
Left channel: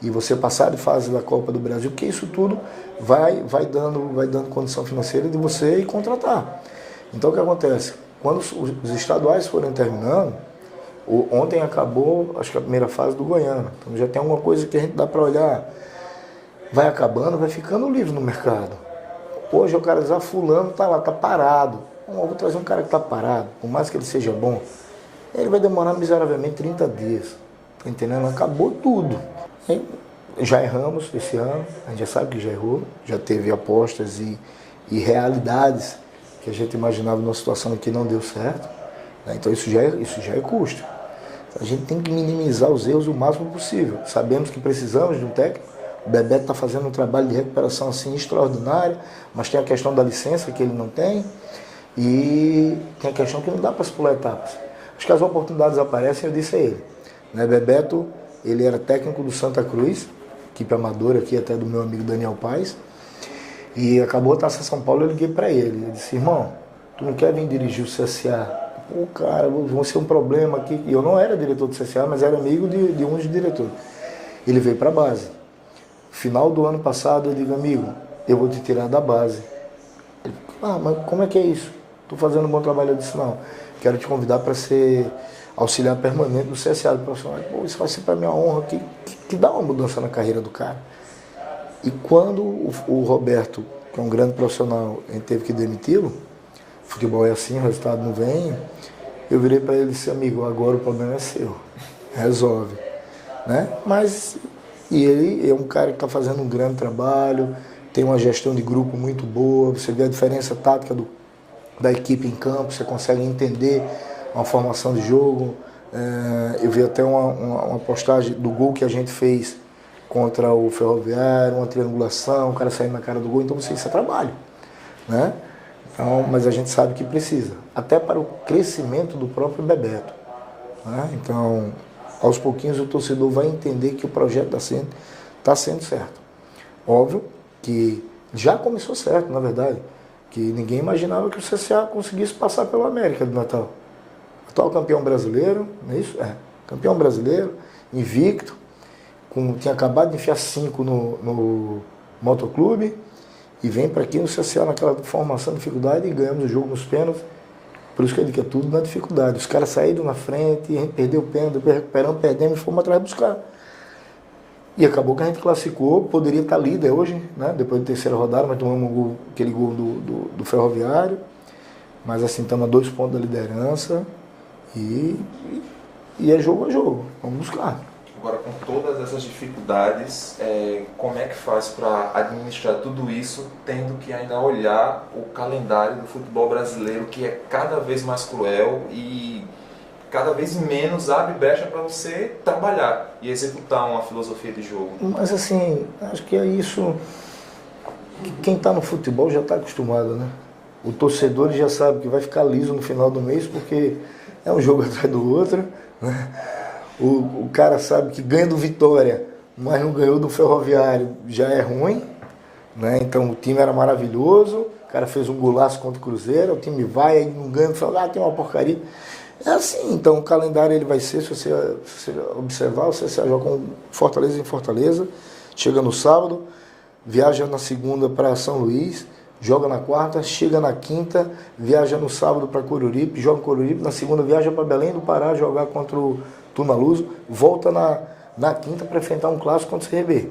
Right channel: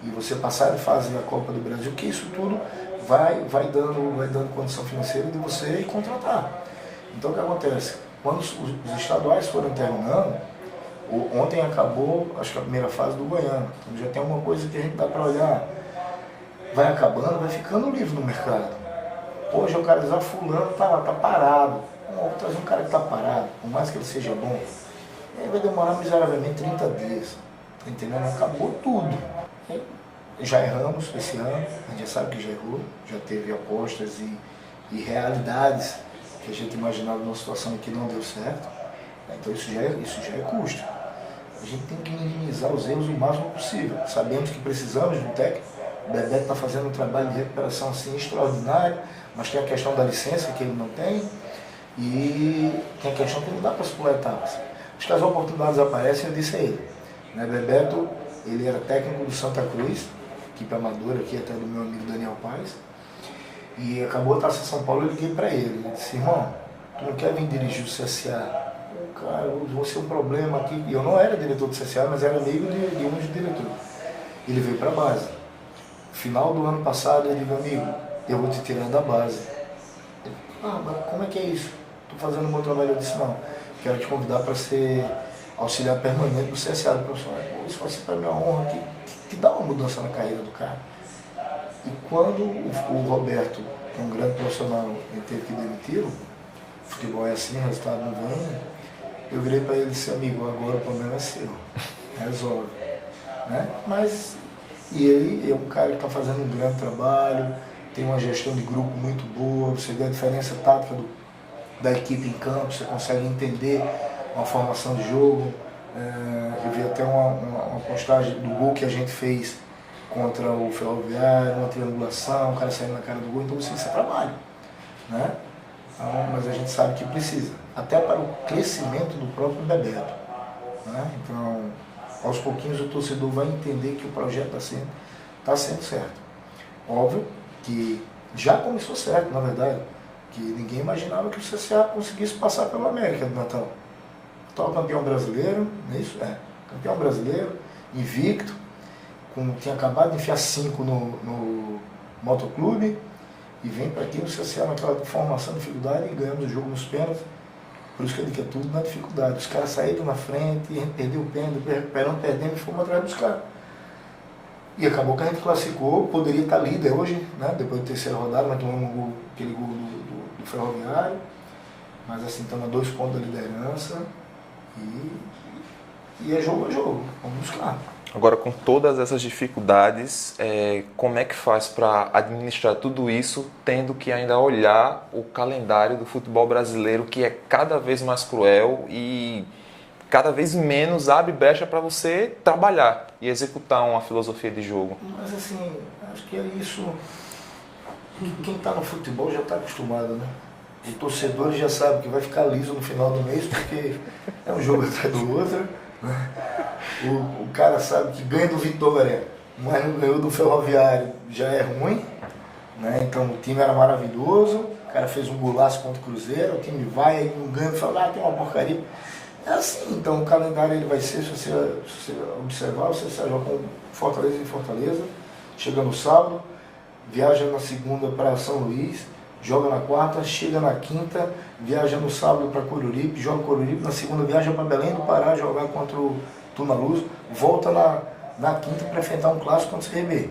e você passar de fase da Copa do Brasil, que isso tudo vai dando condição financeira de você ir contratar. Então o que acontece? Quando os estaduais foram terminando, ontem acabou, acho que a primeira fase do Goiânia. Então já tem uma coisa que a gente dá para olhar. Vai acabando, vai ficando livre no mercado. Hoje o cara diz, fulano tá lá, tá parado. Vou trazer um cara que tá parado, por mais que ele seja bom, ele vai demorar miseravelmente 30 dias. Tá entendendo? Acabou tudo. Já erramos esse ano, a gente já sabe que já errou, já teve apostas e realidades que a gente imaginava numa situação que não deu certo. Então isso já é custo. A gente tem que minimizar os erros o máximo possível. Sabemos que precisamos de um técnico. O Bebeto está fazendo um trabalho de recuperação assim extraordinário, mas tem a questão da licença que ele não tem e tem a questão que não dá para se pular etapas. Acho que as oportunidades aparecem, eu disse a ele. Bebeto, ele era técnico do Santa Cruz, equipe amadora aqui até do meu amigo Daniel Paes, e acabou a Taça São Paulo, eu liguei para ele. Eu disse, irmão, tu não quer vir dirigir o CSA? Pô, cara, vou ser um problema aqui. Eu não era diretor do CSA, mas era amigo de um dos diretores. Ele veio para a base. Final do ano passado, eu digo, amigo, eu vou te tirar da base. Mas como é que é isso? Estou fazendo um bom trabalho. Eu disse, não, quero te convidar para ser auxiliar permanente do CSA do profissional. Pô, isso vai ser para mim uma honra, que dá uma mudança na carreira do cara. E quando o Roberto, que é um grande profissional, a gente teve que demiti-lo, futebol é assim, o resultado não vem, eu virei para ele e disse, amigo, agora o problema é seu, resolve. Né? E ele é um cara que está fazendo um grande trabalho, tem uma gestão de grupo muito boa, você vê a diferença tática da equipe em campo, você consegue entender uma formação de jogo. Eu vi até uma postagem do gol que a gente fez contra o Ferroviário, uma triangulação, o cara saindo na cara do gol, então isso é trabalho, né? Então, mas a gente sabe que precisa, até para o crescimento do próprio Bebeto, né? Então, aos pouquinhos o torcedor vai entender que o projeto está sendo certo. Óbvio que já começou certo, na verdade, que ninguém imaginava que o CSA conseguisse passar pela América do Natal. Atual campeão brasileiro, não é isso? Campeão brasileiro, invicto, tinha acabado de enfiar 5 no motoclube e vem para aqui no CSA naquela formação de dificuldade e ganhamos o jogo nos pênaltis. Por isso que eu digo que é tudo na dificuldade. Os caras saíram na frente, a gente perdeu o pênalti, recuperamos, perdemos e fomos atrás dos caras. E acabou que a gente classificou, poderia estar líder hoje, né? Depois da terceira rodada, mas tomamos aquele gol do Ferroviário. Mas assim, estamos a 2 pontos da liderança e é jogo a jogo. Vamos buscar. Agora, com todas essas dificuldades, como é que faz para administrar tudo isso, tendo que ainda olhar o calendário do futebol brasileiro, que é cada vez mais cruel e cada vez menos abre brecha para você trabalhar e executar uma filosofia de jogo? Mas assim, acho que é isso. Quem está no futebol já está acostumado, né? O torcedor já sabe que vai ficar liso no final do mês, porque é um jogo atrás do outro, né? O cara sabe que ganha do Vitória, mas não ganhou do Ferroviário, já é ruim, né? Então o time era maravilhoso, o cara fez um golaço contra o Cruzeiro, o time vai, aí não ganha, fala, tem uma porcaria. É assim, então o calendário ele vai ser, se você observar, você joga com Fortaleza em Fortaleza, chega no sábado, viaja na segunda para São Luís, joga na quarta, chega na quinta, viaja no sábado para Coruripe, joga Coruripe, na segunda viaja para Belém do Pará, jogar contra o Tunaluz, volta na quinta para enfrentar um clássico contra o CRB.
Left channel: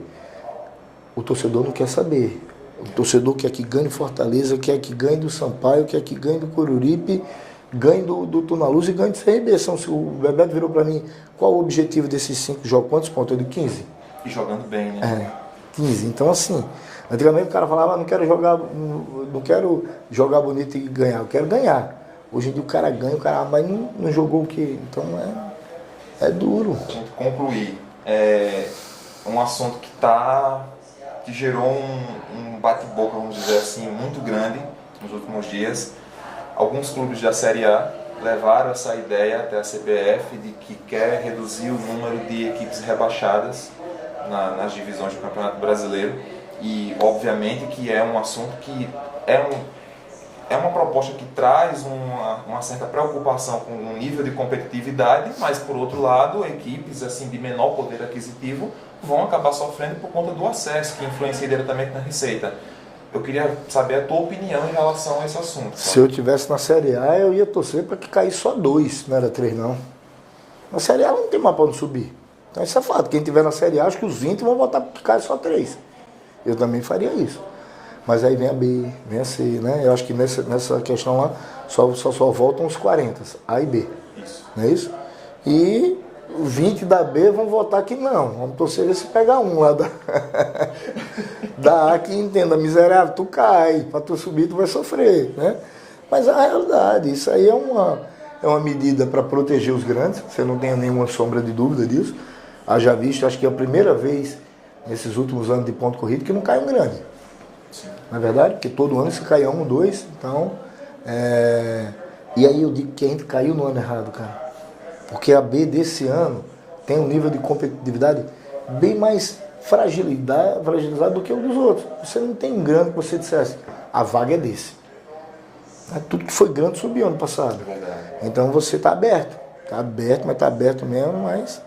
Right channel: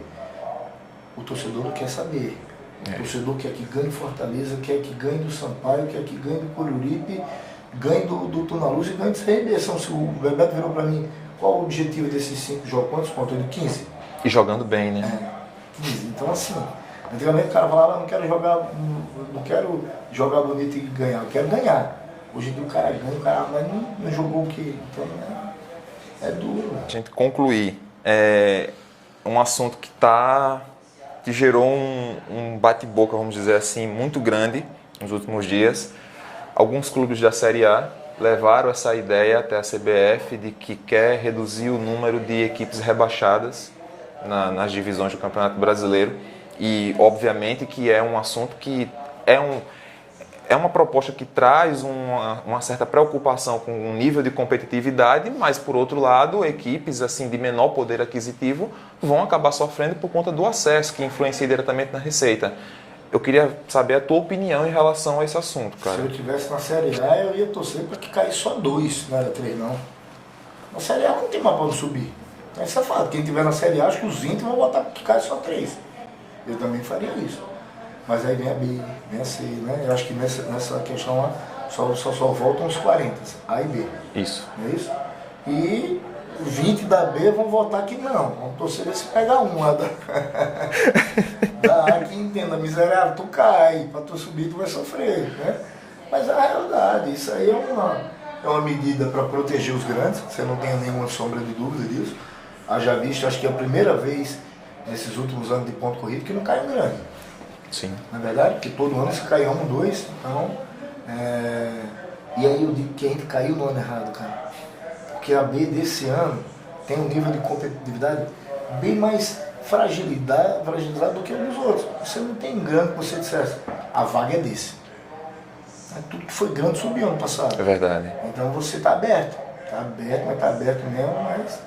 O torcedor não quer saber. O torcedor quer que ganhe Fortaleza, quer que ganhe do Sampaio, quer que ganhe do Coruripe, ganhe do Tunaluz e ganhe do CRB. O Bebeto virou para mim, qual o objetivo desses 5 jogos? Quantos pontos? Ele 15. E jogando bem, né? 15. Então assim, antigamente o cara falava, não quero jogar bonito e ganhar, eu quero ganhar. Hoje em dia o cara ganha, o cara mas não jogou o quê? Então é duro. A gente concluir, um assunto que gerou um bate-boca, vamos dizer assim, muito grande nos últimos dias. Alguns clubes da Série A levaram essa ideia até a CBF de que quer reduzir o número de equipes rebaixadas nas divisões do Campeonato Brasileiro. E, obviamente, que é um assunto que é uma proposta que traz uma certa preocupação com o nível de competitividade, mas, por outro lado, equipes assim, de menor poder aquisitivo vão acabar sofrendo por conta do acesso, que influencia diretamente na receita. Eu queria saber a tua opinião em relação a esse assunto. Cara. Se eu estivesse na Série A, eu ia torcer para que caísse só 2, não era 3 não. Na Série A não tem mais para onde subir. Então isso é fato. Quem estiver na Série A, acho que os 20 vão botar para que caia só 3. Eu também faria isso. Mas aí vem a B, vem a C, né? Eu acho que nessa questão lá só voltam os 40, A e B. Isso. Não é isso? E os 20 da B vão votar que não. Vamos torcer se pegar um lá da A que entenda, miserável, tu cai, para tu subir tu vai sofrer, né? Mas a realidade, isso aí é uma medida para proteger os grandes, você não tem nenhuma sombra de dúvida disso. Haja visto, acho que é a primeira vez nesses últimos anos de ponto corrido que não cai um grande. Sim. Na verdade, porque todo ano se caiu 1, 2, então... E aí eu digo que a gente caiu no ano errado, cara. Porque a B desse ano tem um nível de competitividade bem mais fragilizado do que o dos outros. Você não tem grande que você dissesse, a vaga é desse. Tudo que foi grande subiu ano passado. É verdade. Então você está aberto. Está aberto, mas está aberto mesmo, mas...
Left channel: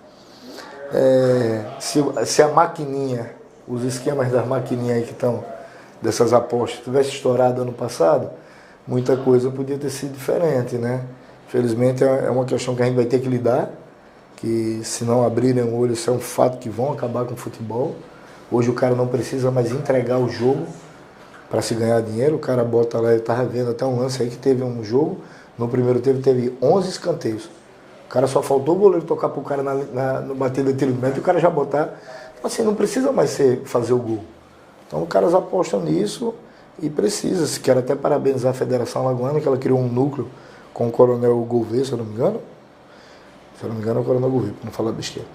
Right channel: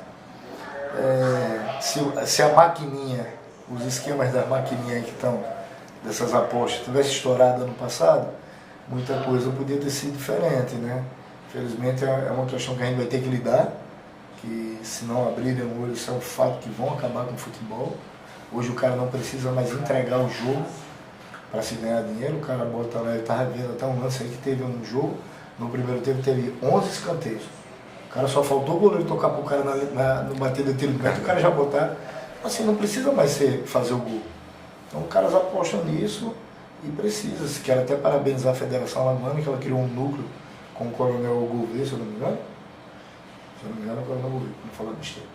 se a maquininha, os esquemas das maquininhas aí que estão, dessas apostas, tivesse estourado ano passado, muita coisa podia ter sido diferente, né? Felizmente é uma questão que a gente vai ter que lidar, que se não abrirem o olho, isso é um fato que vão acabar com o futebol. Hoje o cara não precisa mais entregar o jogo para se ganhar dinheiro, o cara bota lá, eu estava vendo até um lance aí que teve um jogo, no primeiro tempo teve 11 escanteios. O cara só faltou o goleiro tocar pro cara no bater do determinante, o cara já botar. Assim, não precisa mais fazer o gol. Então, os caras apostam nisso e precisa. Quero até parabenizar a Federação Alagoana, que ela criou um núcleo com o Coronel Gouveia, se eu não me engano. Se eu não me engano é o Coronel Gouveia, para não falar besteira.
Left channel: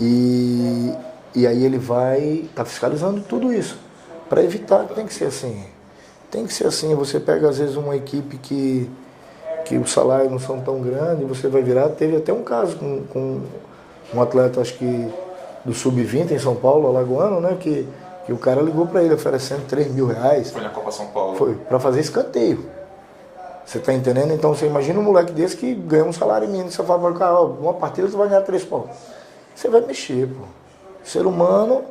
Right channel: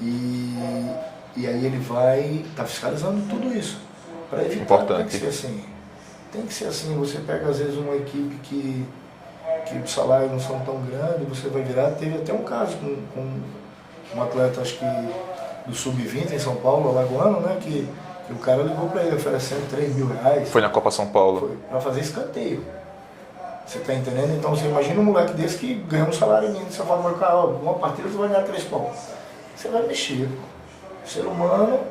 E aí ele vai estar fiscalizando tudo isso. Para evitar, tem que ser assim. Tem que ser assim, você pega às vezes uma equipe que os salários não são tão grandes, você vai virar. Teve até um caso com um atleta, acho que do Sub-20 em São Paulo, alagoano, né? Que o cara ligou para ele oferecendo R$3.000. Foi na Copa São Paulo. Foi, para fazer escanteio. Você tá entendendo? Então você imagina um moleque desse que ganha um salário mínimo, você fala, cara, ó, uma partida você vai ganhar 3 pontos. Você vai mexer, pô. O ser humano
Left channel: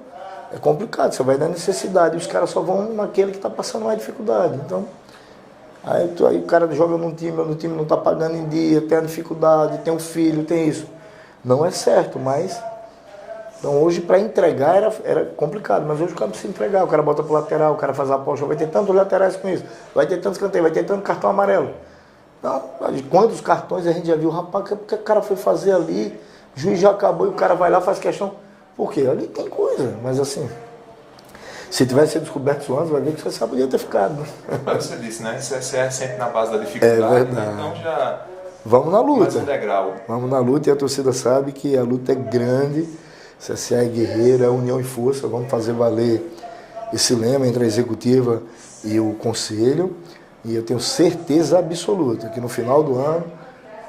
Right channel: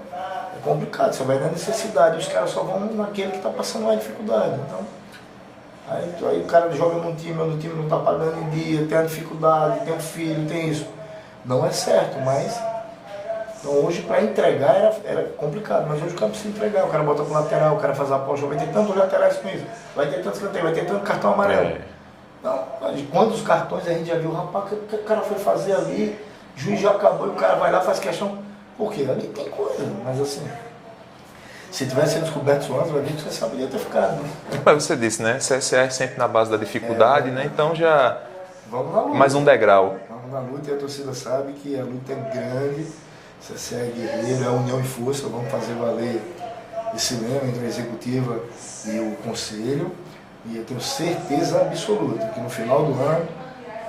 é complicado, você vai na necessidade, e os caras só vão naquele que está passando mais dificuldade. Então, aí o cara joga num time, onde o time não está pagando em dia, tem a dificuldade, tem um filho, tem isso. Não é certo, mas... Então hoje para entregar era complicado, mas hoje o cara precisa entregar, o cara bota pro lateral, o cara faz a aposta, vai ter tantos laterais com isso, vai ter tantos canteiros, vai ter tanto cartão amarelo. Então, quantos cartões a gente já viu, rapaz, o que o cara foi fazer ali, o juiz já acabou e o cara vai lá e faz questão. Por quê? Ali tem coisa, mas assim, se tivesse sido descoberto antes, vai ver que você saberia ter ficado. Né? Mas você disse, né? CSA é sempre na base da dificuldade, né? Então já... Vamos na luta. Mais um degrau. Vamos na luta e a torcida sabe que a luta é grande. CSA é guerreiro, é união e força, vamos fazer valer esse lema entre a executiva e o conselho. E eu tenho certeza absoluta que no final do ano,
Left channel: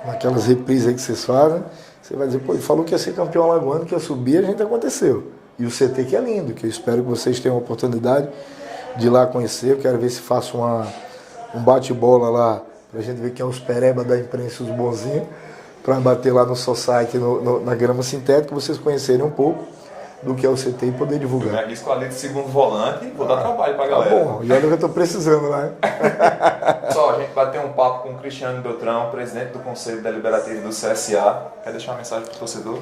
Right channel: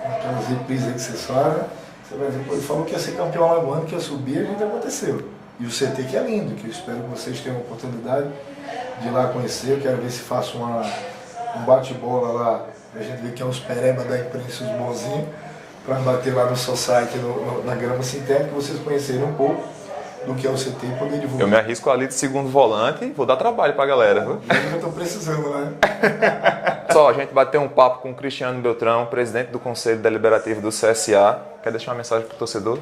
naquelas reprises aí que vocês fazem, você vai dizer, pô, ele falou que ia ser campeão alagoano, que ia subir, a gente aconteceu. E o CT que é lindo, que eu espero que vocês tenham a oportunidade de ir lá conhecer. Eu quero ver se faço um bate-bola lá, pra gente ver quem é os pereba da imprensa, os bonzinhos, para bater lá no Society, na grama sintética, vocês conhecerem um pouco do que é o CT e poder divulgar. Eu me arrisco ali de segundo volante e vou dar trabalho para a galera. Bom, e olha que eu estou precisando lá. Só, a gente bateu um papo com o Cristiano Beltrão, presidente do Conselho Deliberativo do CSA. Quer deixar uma mensagem para o torcedor?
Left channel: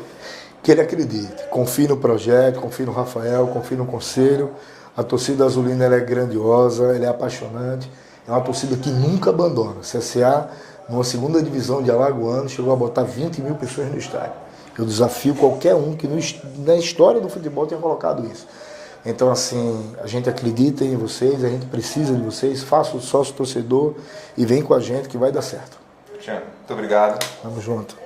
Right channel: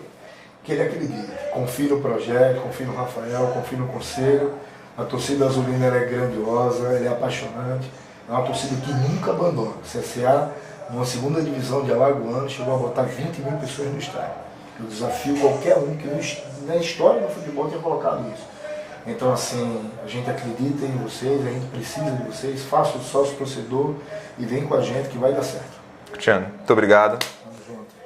Que ele acredite, confie no projeto, confie no Rafael, confie no Conselho. A torcida azulina ela é grandiosa, ela é apaixonante, é uma torcida que nunca abandona. O CSA, numa segunda divisão de Alagoano, chegou a botar 20 mil pessoas no estádio. Eu desafio qualquer um que na história do futebol tenha colocado isso. Então, assim, a gente acredita em vocês, a gente precisa de vocês, faça o sócio torcedor e vem com a gente que vai dar certo. Cristiano, muito obrigado. Tamo junto.